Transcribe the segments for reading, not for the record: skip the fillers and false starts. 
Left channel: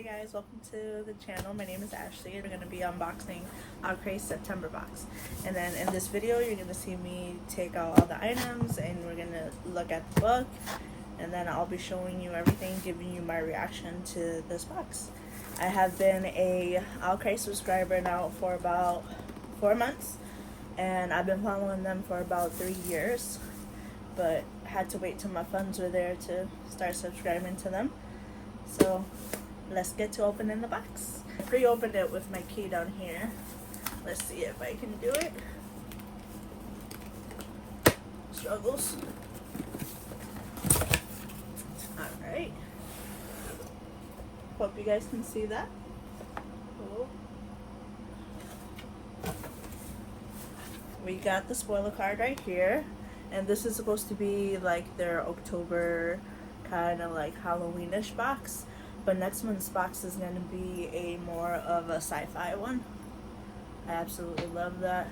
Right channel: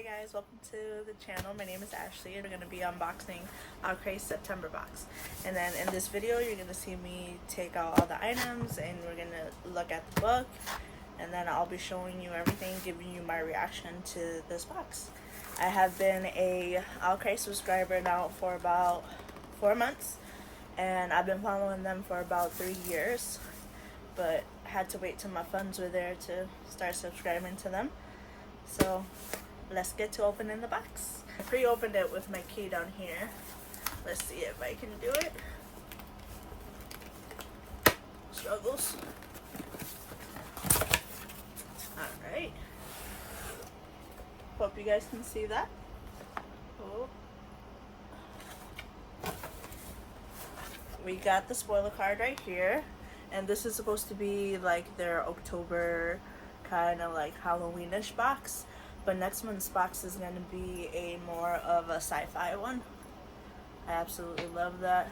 Hey guys, welcome to the channel. My name is Ashley and we're going to be unboxing Owlcrate September box. And then in this video you're going to see me take out all the items and we're going to look at the book, and then I'll be showing you everything, giving you my reaction to this box. I have been a Owlcrate subscriber now for about 4 months, and I've been following them for about 3 years, but had to wait till my funds were there to start subscribing to them. So let's get to opening the box. I pre-opened it with my key down here. Let's see if I can do it. Struggles. Alright. Hope you guys can see that. Oh. We got the spoiler card right here. And this is supposed to be like their October kind of like Halloweenish box, but next month's box is going to be a more of a sci-fi one. I absolutely love that.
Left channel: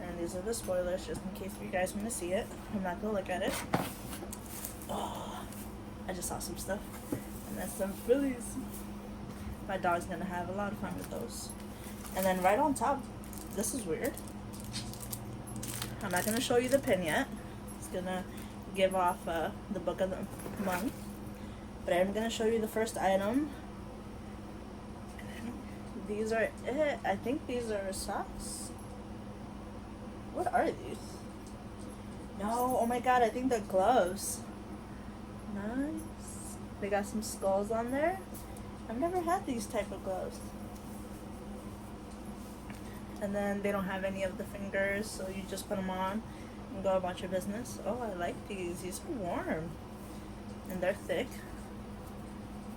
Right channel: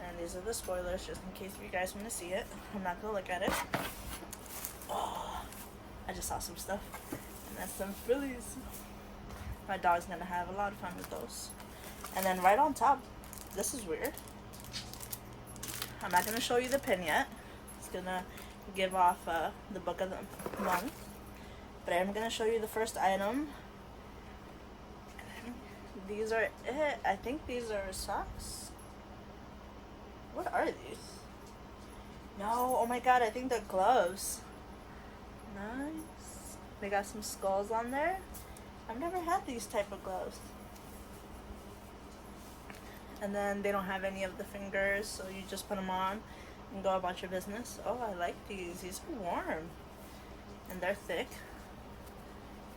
And these are the spoilers, just in case you guys want to see it. I'm not going to look at it. Oh, I just saw some stuff, and that's some Phillies. My dog's going to have a lot of fun with those. And then right on top, this is weird. I'm not going to show you the pin yet. It's going to give off the book of the month, but I'm going to show you the first item. These are it. I think these are socks. What are these? No, oh my god, I think they're gloves. Nice. They got some skulls on there. I've never had these type of gloves. And then they don't have any of the fingers, so you just put them on and go about your business. Oh, I like these. These are warm. And they're thick.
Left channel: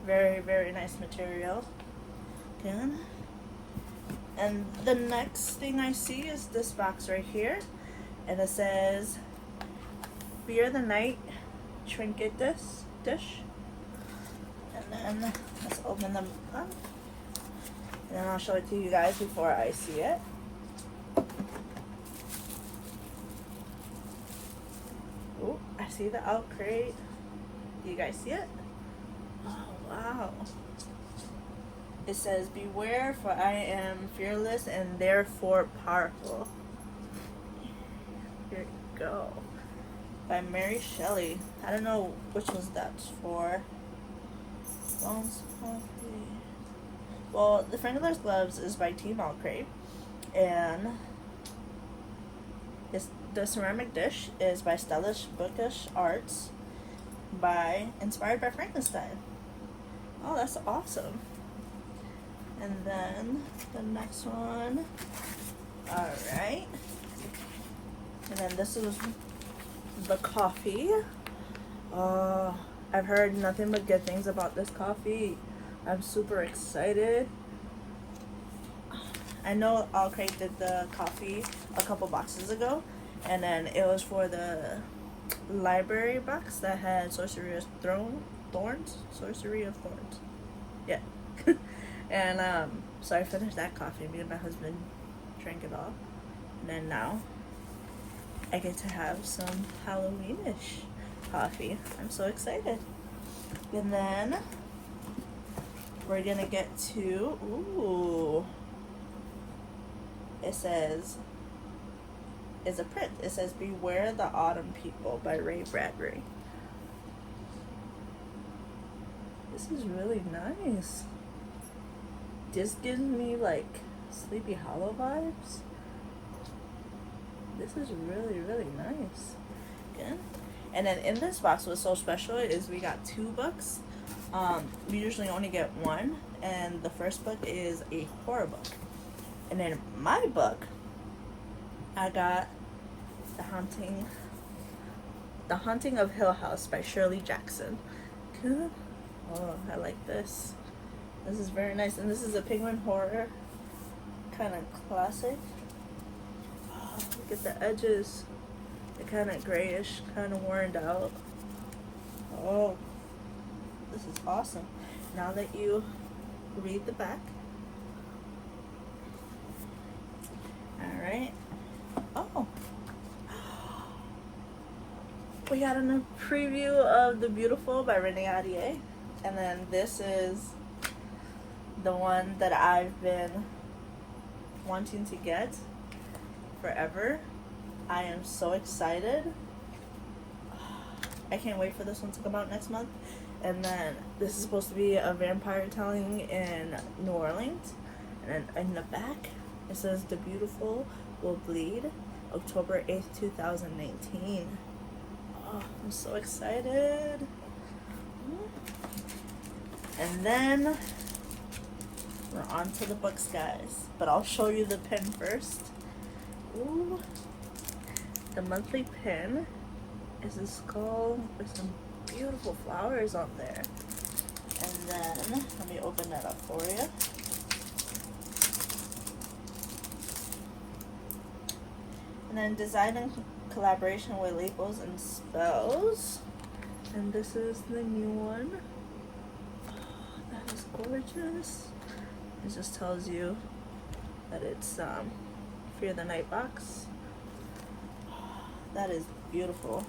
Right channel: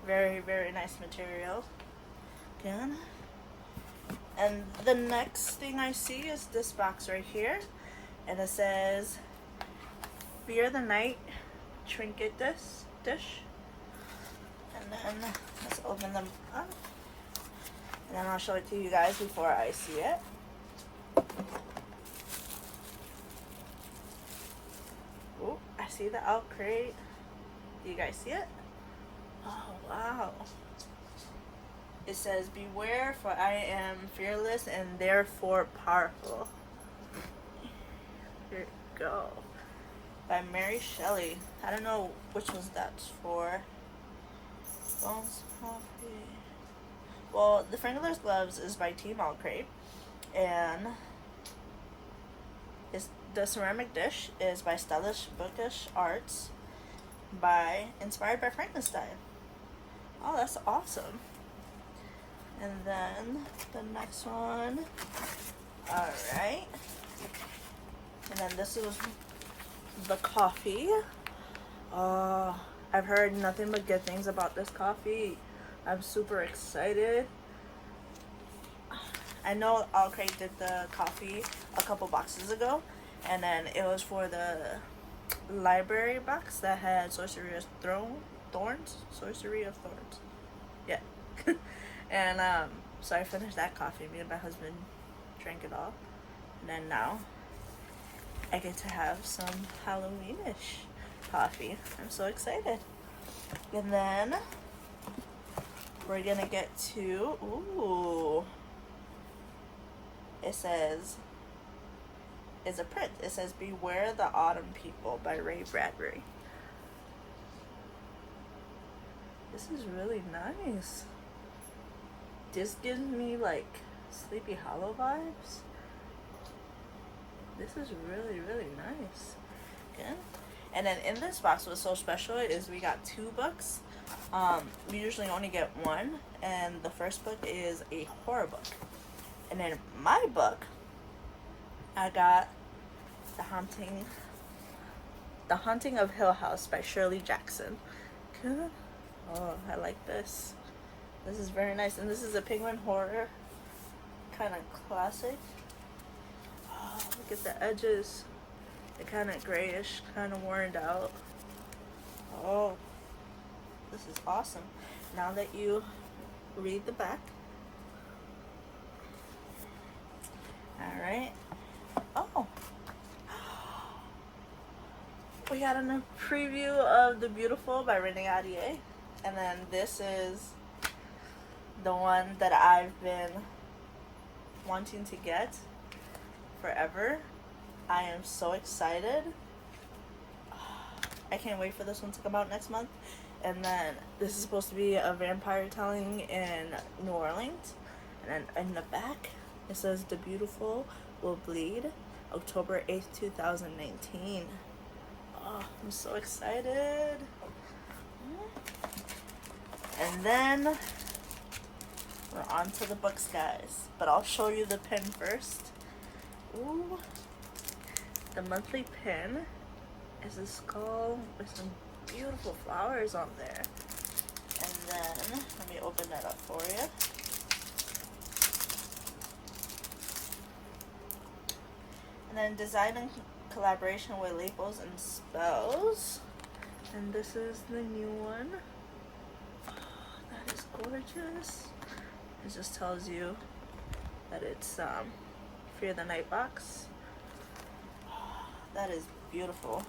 Very, very nice material. Good. And the next thing I see is this box right here. And it says, Fear the Night Trinket Dish. And then, let's open them up. And then I'll show it to you guys before I see it. Oh, I see the Owlcrate. Do you guys see it? Oh, wow. It says, Beware, for I am fearless and therefore powerful. Here you go. By Mary Shelley. I don't know which one's that's for. Bones Coffee. Well, the Fingerless Gloves is by Team Owlcrate, and the ceramic dish is by Stylish Bookish Arts, inspired by Frankenstein. Oh, that's awesome. And then the next one. Alright. And then this is the coffee. I've heard nothing but good things about this coffee. I'm super excited. I know Owlcrate did the coffee a couple boxes ago, and then it was for the library box that had Sorcery of Thorns. Yeah. And so I finished that coffee. Me and my husband drank it all. And then now I get to have some Halloweenish coffee. I'm so excited. And then we're gonna get to, ooh, it says, it's a print. It says, Beware the Autumn People by Ray Bradbury. This is really nice. This gives me like Sleepy Hollow vibes. This is really, really nice. Good. And then in this box, what's so special is we got 2 books. We usually only get 1, and the first book is a horror book. And then my book, I got The Haunting of Hill House by Shirley Jackson. Good. Oh, I like this. This is very nice, and this is a penguin horror kind of classic. Oh, look at the edges. They're kind of grayish, kind of worn out. Oh, this is awesome. Now that you read the back. Alright. Oh. We got a preview of The Beautiful by Renee Ahdieh. And then this is the one that I've been wanting to get forever. I am so excited. I can't wait for this one to come out next month. And then this is supposed to be a vampire telling in New Orleans. And then in the back, it says The Beautiful Will Bleed, October 8th, 2019. Oh, I'm so excited. And then we're on to the books, guys. But I'll show you the pin first. Ooh. The monthly pin is a skull with some beautiful flowers on there. And then, let me open that up for you. And then design in collaboration with labels and spells. And this is the new one. Oh, that is gorgeous. It just tells you that it's Fear the Night box. Oh, that is beautiful.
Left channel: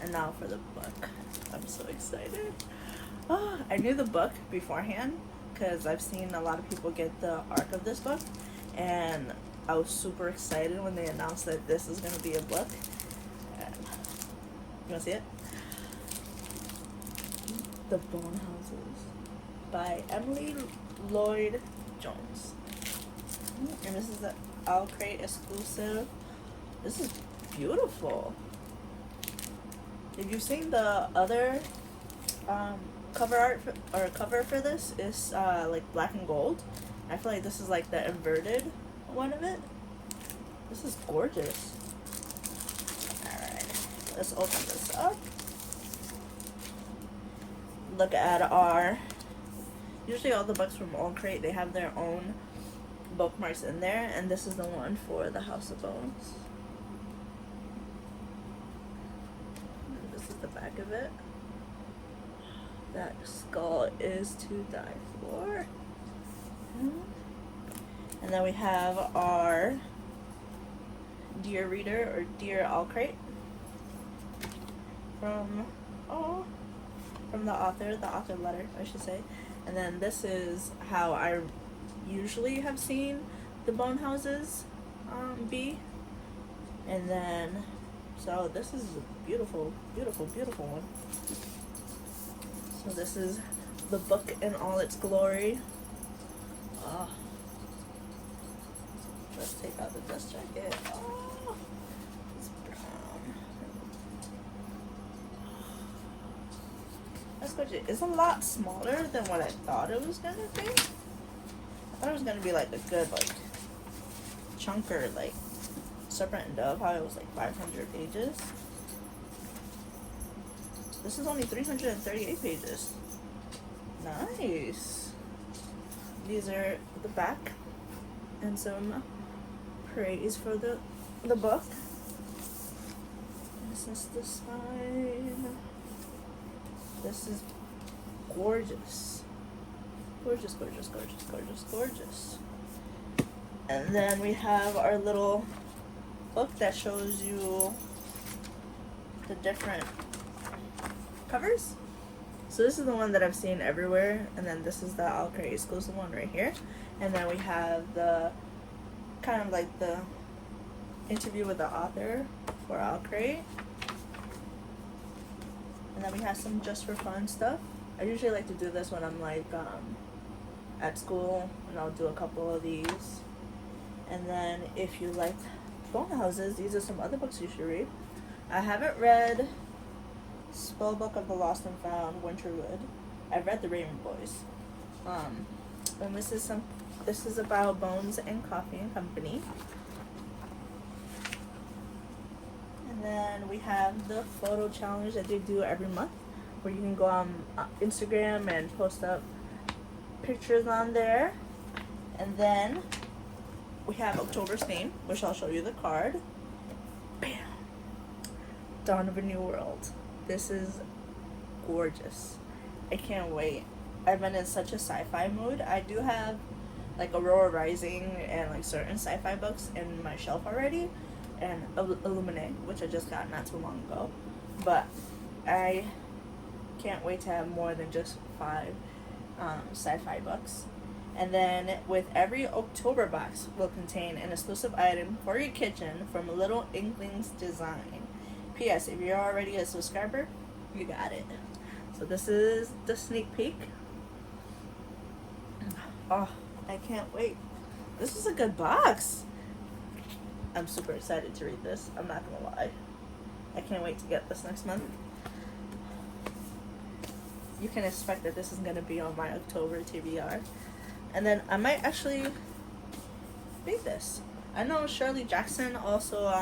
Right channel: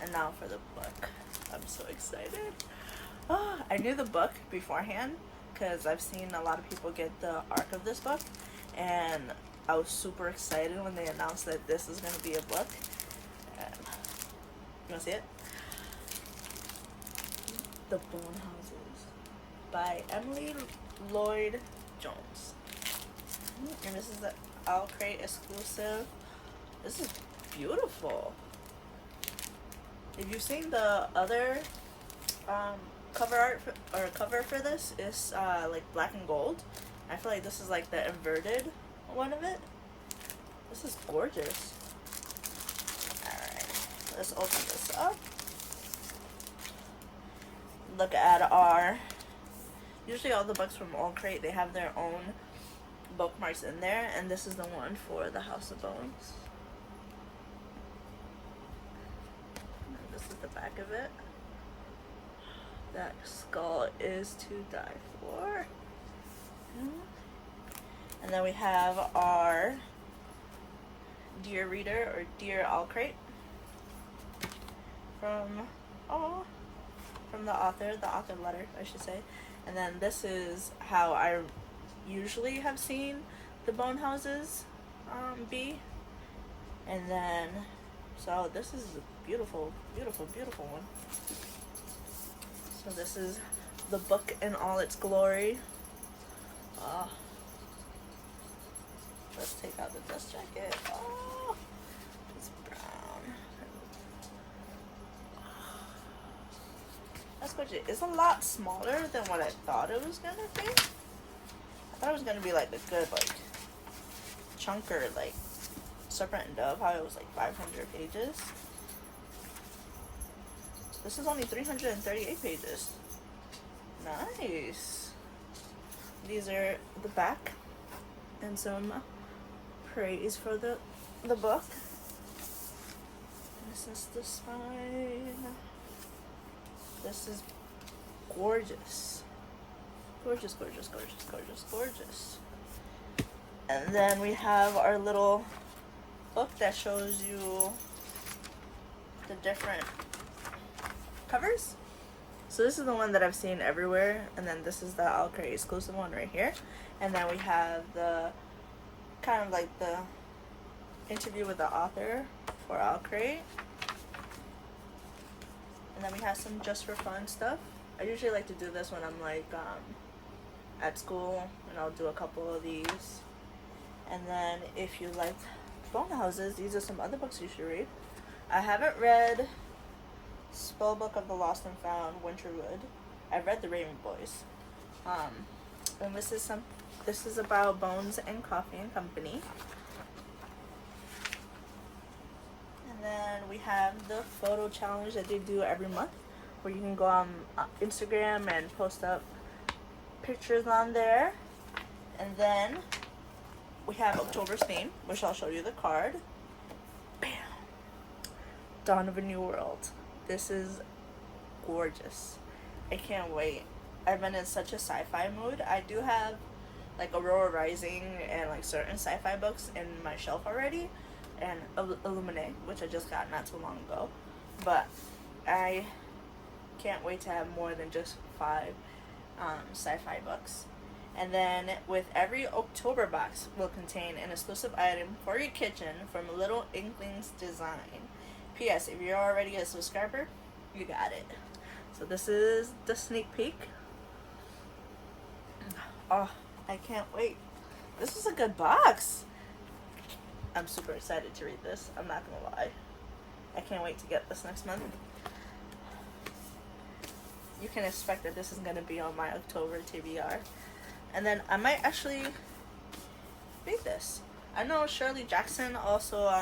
And now for the book. I'm so excited. Oh, I knew the book beforehand because I've seen a lot of people get the arc of this book, and I was super excited when they announced that this is going to be a book. And you want to see it? The Bone Houses by Emily Lloyd Jones. And this is the Owlcrate exclusive. This is beautiful. Did you see the other cover art cover for this? Is like black and gold. I feel like this is like the inverted one of it. This is gorgeous. Alright, let's open this up. Look at our, usually all the books from Owlcrate, they have their own bookmarks in there, and this is the one for the House of Bones. And this is the back of it. That skull is to die for. And then we have our Dear Reader or Dear Owlcrate from the author letter, I should say. And then this is how I usually have seen the Bone Houses be. And then, so this is a beautiful, beautiful, beautiful one. So this is the book in all its glory. Let's take out the dust jacket. Oh, it's brown. That's gorgeous. It's a lot smaller than what I thought it was gonna be. I thought it was gonna be like a good like chunker, like Serpent and Dove, how it was like 500 pages. This is only 338 pages. Nice. These are the back and some praise for the book. This is the spine. This is gorgeous. Gorgeous, gorgeous, gorgeous, gorgeous, gorgeous. And then we have our little book that shows you the different covers. So this is the one that I've seen everywhere, and then this is the Owlcrate exclusive one right here. And then we have the kind of like the interview with the author for Owlcrate. And then we have some just for fun stuff. I usually like to do this when I'm like at school, and I'll do a couple of these. And then if you like Bone Houses, these are some other books you should read. I haven't read Spellbook of the Lost and Found, Winterwood. I've read The Raven Boys. And this is about Bones and Coffee and Company. And then we have the photo challenge that they do every month, where you can go on Instagram and post up pictures on there. And then we have October's Theme, which I'll show you the card. Bam! Dawn of a New World. This is gorgeous. I can't wait. I've been in such a sci-fi mood. I do have like Aurora Rising and like certain sci-fi books in my shelf already, and Illuminate, which I just got not too long ago. But I can't wait to have more than just 5 sci-fi books. And then with every October box will contain an exclusive item for your kitchen from Little Inklings Design. P.S. If you're already a subscriber, you got it. So this is the sneak peek. Oh, I can't wait. This is a good box. I'm super excited to read this. I'm not gonna lie. I can't wait to get this next month. You can expect that this is gonna be on my October TBR. And then I might actually read this. I know Shirley Jackson also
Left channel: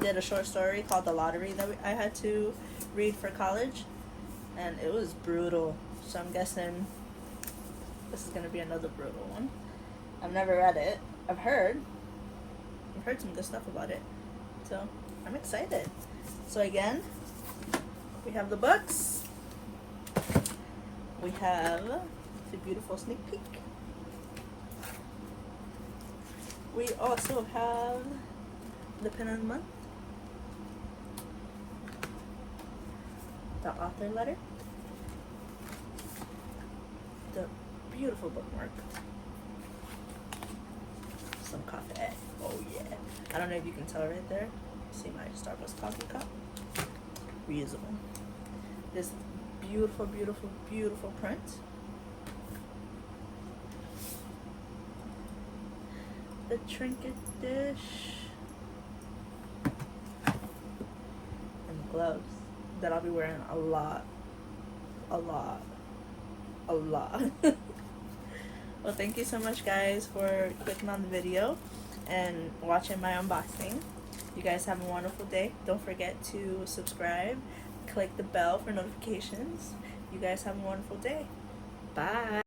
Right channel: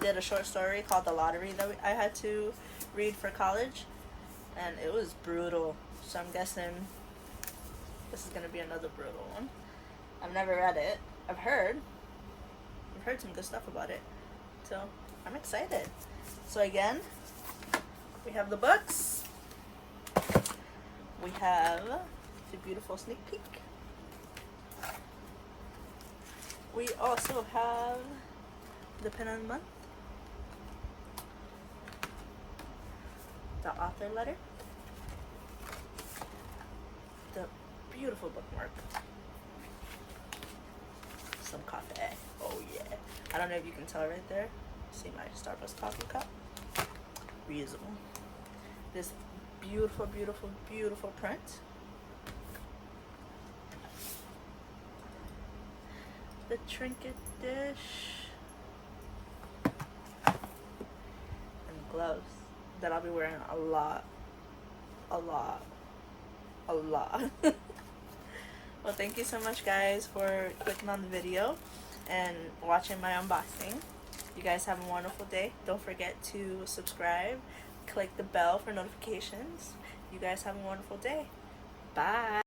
did a short story called The Lottery that I had to read for college. And it was brutal. So I'm guessing this is gonna be another brutal one. I've never read it. I've heard some good stuff about it. So I'm excited. So again, we have the books. We have the beautiful sneak peek. We also have the pin of the month, the author letter, the beautiful bookmark, some coffee. Oh yeah. I don't know if you can tell right there. See my Starbucks coffee cup? Reusable. This beautiful, beautiful, beautiful print. The trinket dish. And gloves that I'll be wearing a lot. Well, thank you so much guys for clicking on the video and watching my unboxing. You guys have a wonderful day. Don't forget to subscribe, click the bell for notifications. You guys have a wonderful day. Bye.